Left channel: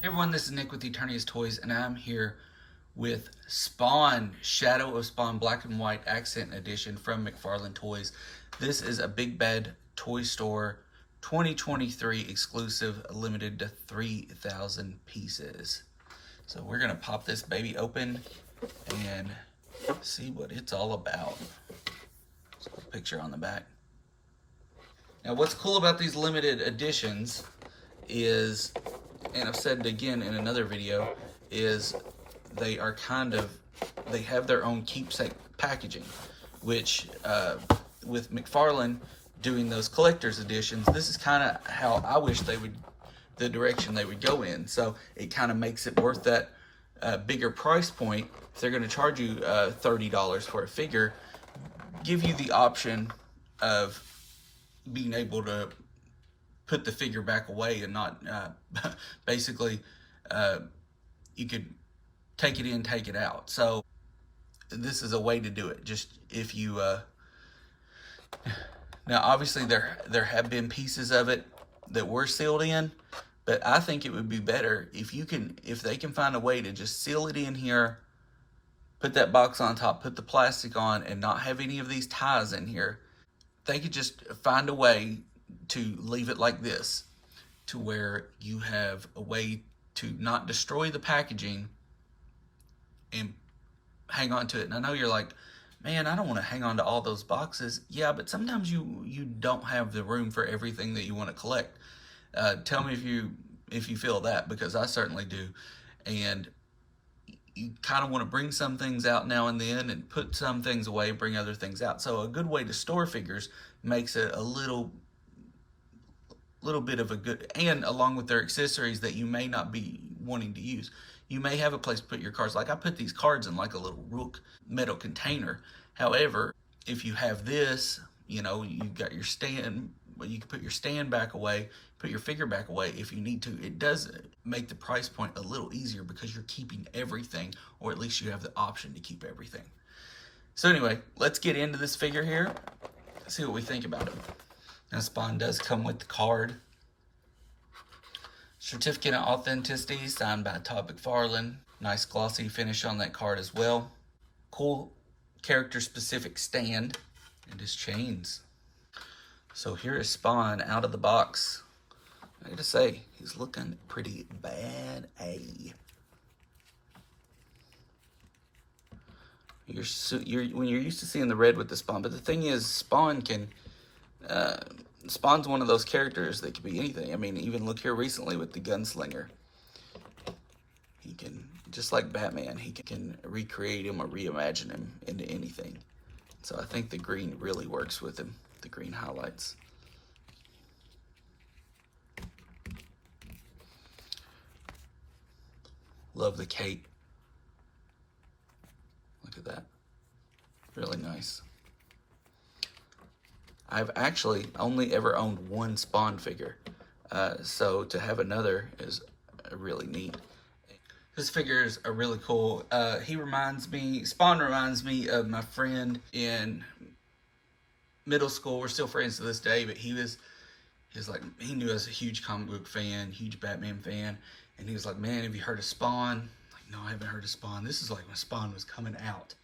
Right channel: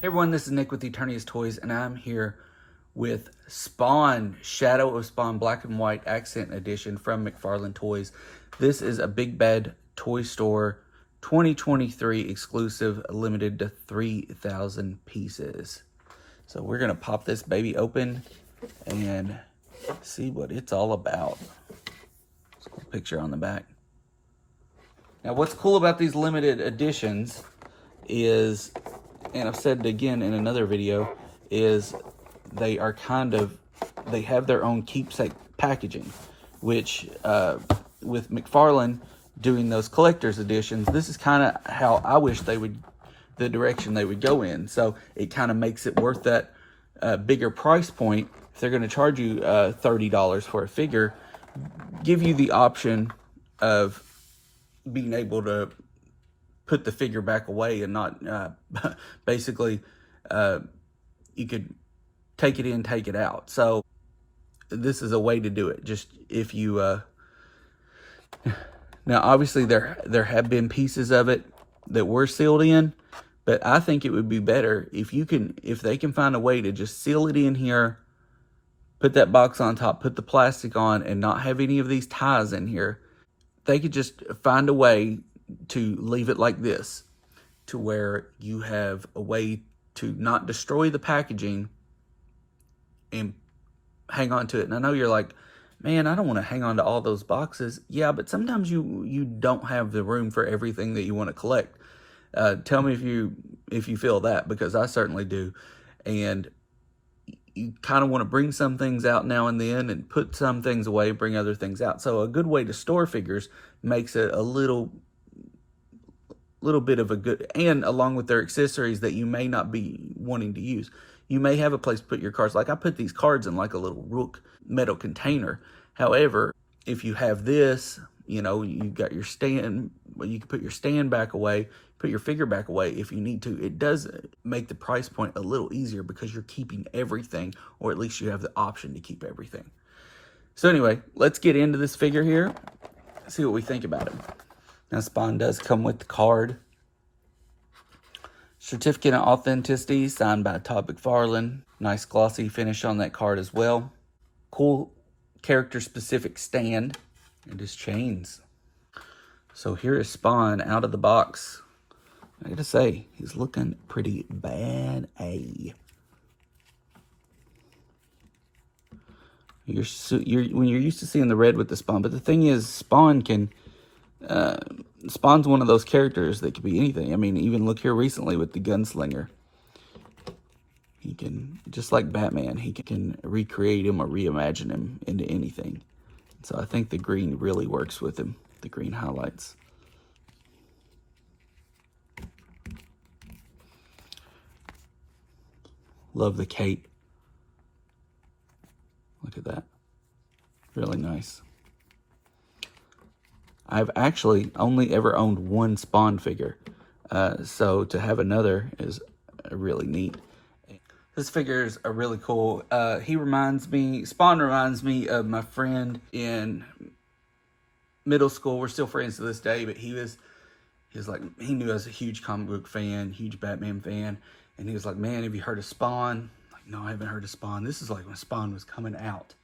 Hey everyone, this is Nick with Eternity's Toys, and I'm here with Spawn, Shadow of Spawn Black and White Accent Edition from McFarlane Toys. This is a Big Bad Toy Store 2023 exclusive, limited to 3,000 pieces. So we're going to pop this baby open and see what it's all about. Let's put a picture on the back. Now what's cool about these limited editions is, and I've said it again in another video, is they have their own keepsake packaging, which with McFarlane doing those collector's editions, this is kind of how I wish the direction they would go in. So it kind of makes it worth that bigger price point. If they're going to charge you $30 for a figure, give you the option of being able to put the figure back away and not basically you could take it in, take it out. So this is a way to do it. Just if you now obviously there have been pieces of it that were sealed in, but I think it would be better if they can find a way to just seal it in here, put that box on top, put the plastic on, and not have any of these ties in here. They could just find a way to leave it like this, to where you have a way to not destroy the packaging and hang on to it. And I know you're like, man, I don't want to hang on to all those boxes. Yeah, but sometimes you don't have the room for everything that you want to collect. Tell me if you feel that, because I certainly do. And you kind of want to bring some things out now and then and put some things away, bring other things out. So a good way to store figures makes it a little bit of a good, and along with their accessories that you may not be wanting to use. You may have a place to put your cards. Like I put these cards in like a little Rook metal container. However, if you have this, you know, you got your stand, you can put your stand back away, put your figure back away if you need to. It does make the price point a little easier because you're keeping everything, or at least you have the option to keep everything. So anyway, let's get into this figure here, see what we think about it. Now Spawn does come with the card. Certificate of authenticity signed by Todd McFarlane. Nice glossy finish on that card as well. Cool character specific stand and his chains. So here is Spawn out of the box. I gotta say, he's looking pretty bad. When you're used to seeing the red with the Spawn, but the thing is, Spawn's one of those characters that could be anything. I mean, even look here recently with the Gunslinger. He can, just like Batman, he can recreate him or reimagine him into anything. So I think the green really works with him, the green highlights. Love the cape. Look at that. Really nice. I've actually only ever owned one Spawn figure, so to have another is really neat. This figure is a really cool. Spawn reminds me of my friend in middle school. We're still friends to this day, but he knew I was a huge comic book fan, huge Batman fan, and he was like, man, have you heard of Spawn? I'm like, no, I haven't heard of Spawn. This is like when Spawn was coming out.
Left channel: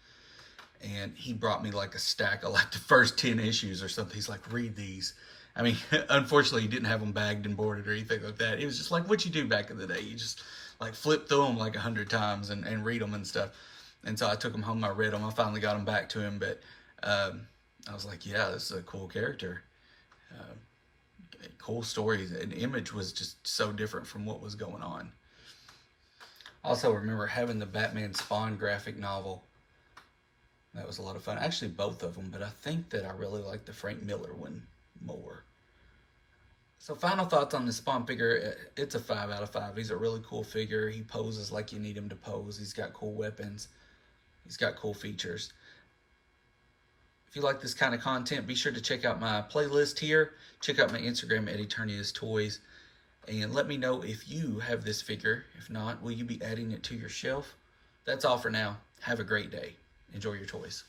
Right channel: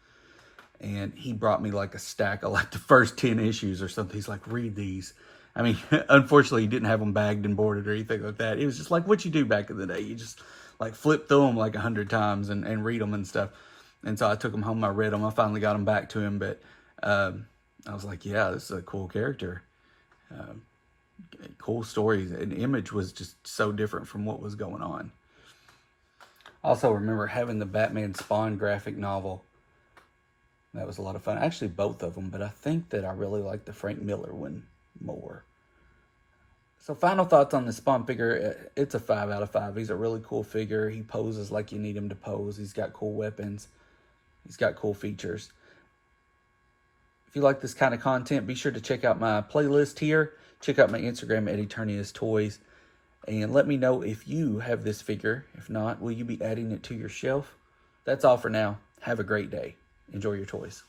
And he brought me like a stack of like the first 10 issues or something. He's like, read these. I mean, unfortunately, he didn't have them bagged and boarded or anything like that. It was just like what you do back in the day. You just like flip through them like 100 times and read them and stuff. And so I took them home, I read them. I finally got them back to him. But I was like, yeah, this is a cool character. Cool stories. And Image was just so different from what was going on. I also remember having the Batman Spawn graphic novel. That was a lot of fun. Actually, both of them, but I think that I really like the Frank Miller one more. So final thoughts on the Spawn figure. It's a 5 out of 5. He's a really cool figure. He poses like you need him to pose. He's got cool weapons. He's got cool features. If you like this kind of content, be sure to check out my playlist here. Check out my Instagram at Eternity's Toys. And let me know if you have this figure. If not, will you be adding it to your shelf? That's all for now. Have a great day. Enjoy your toys.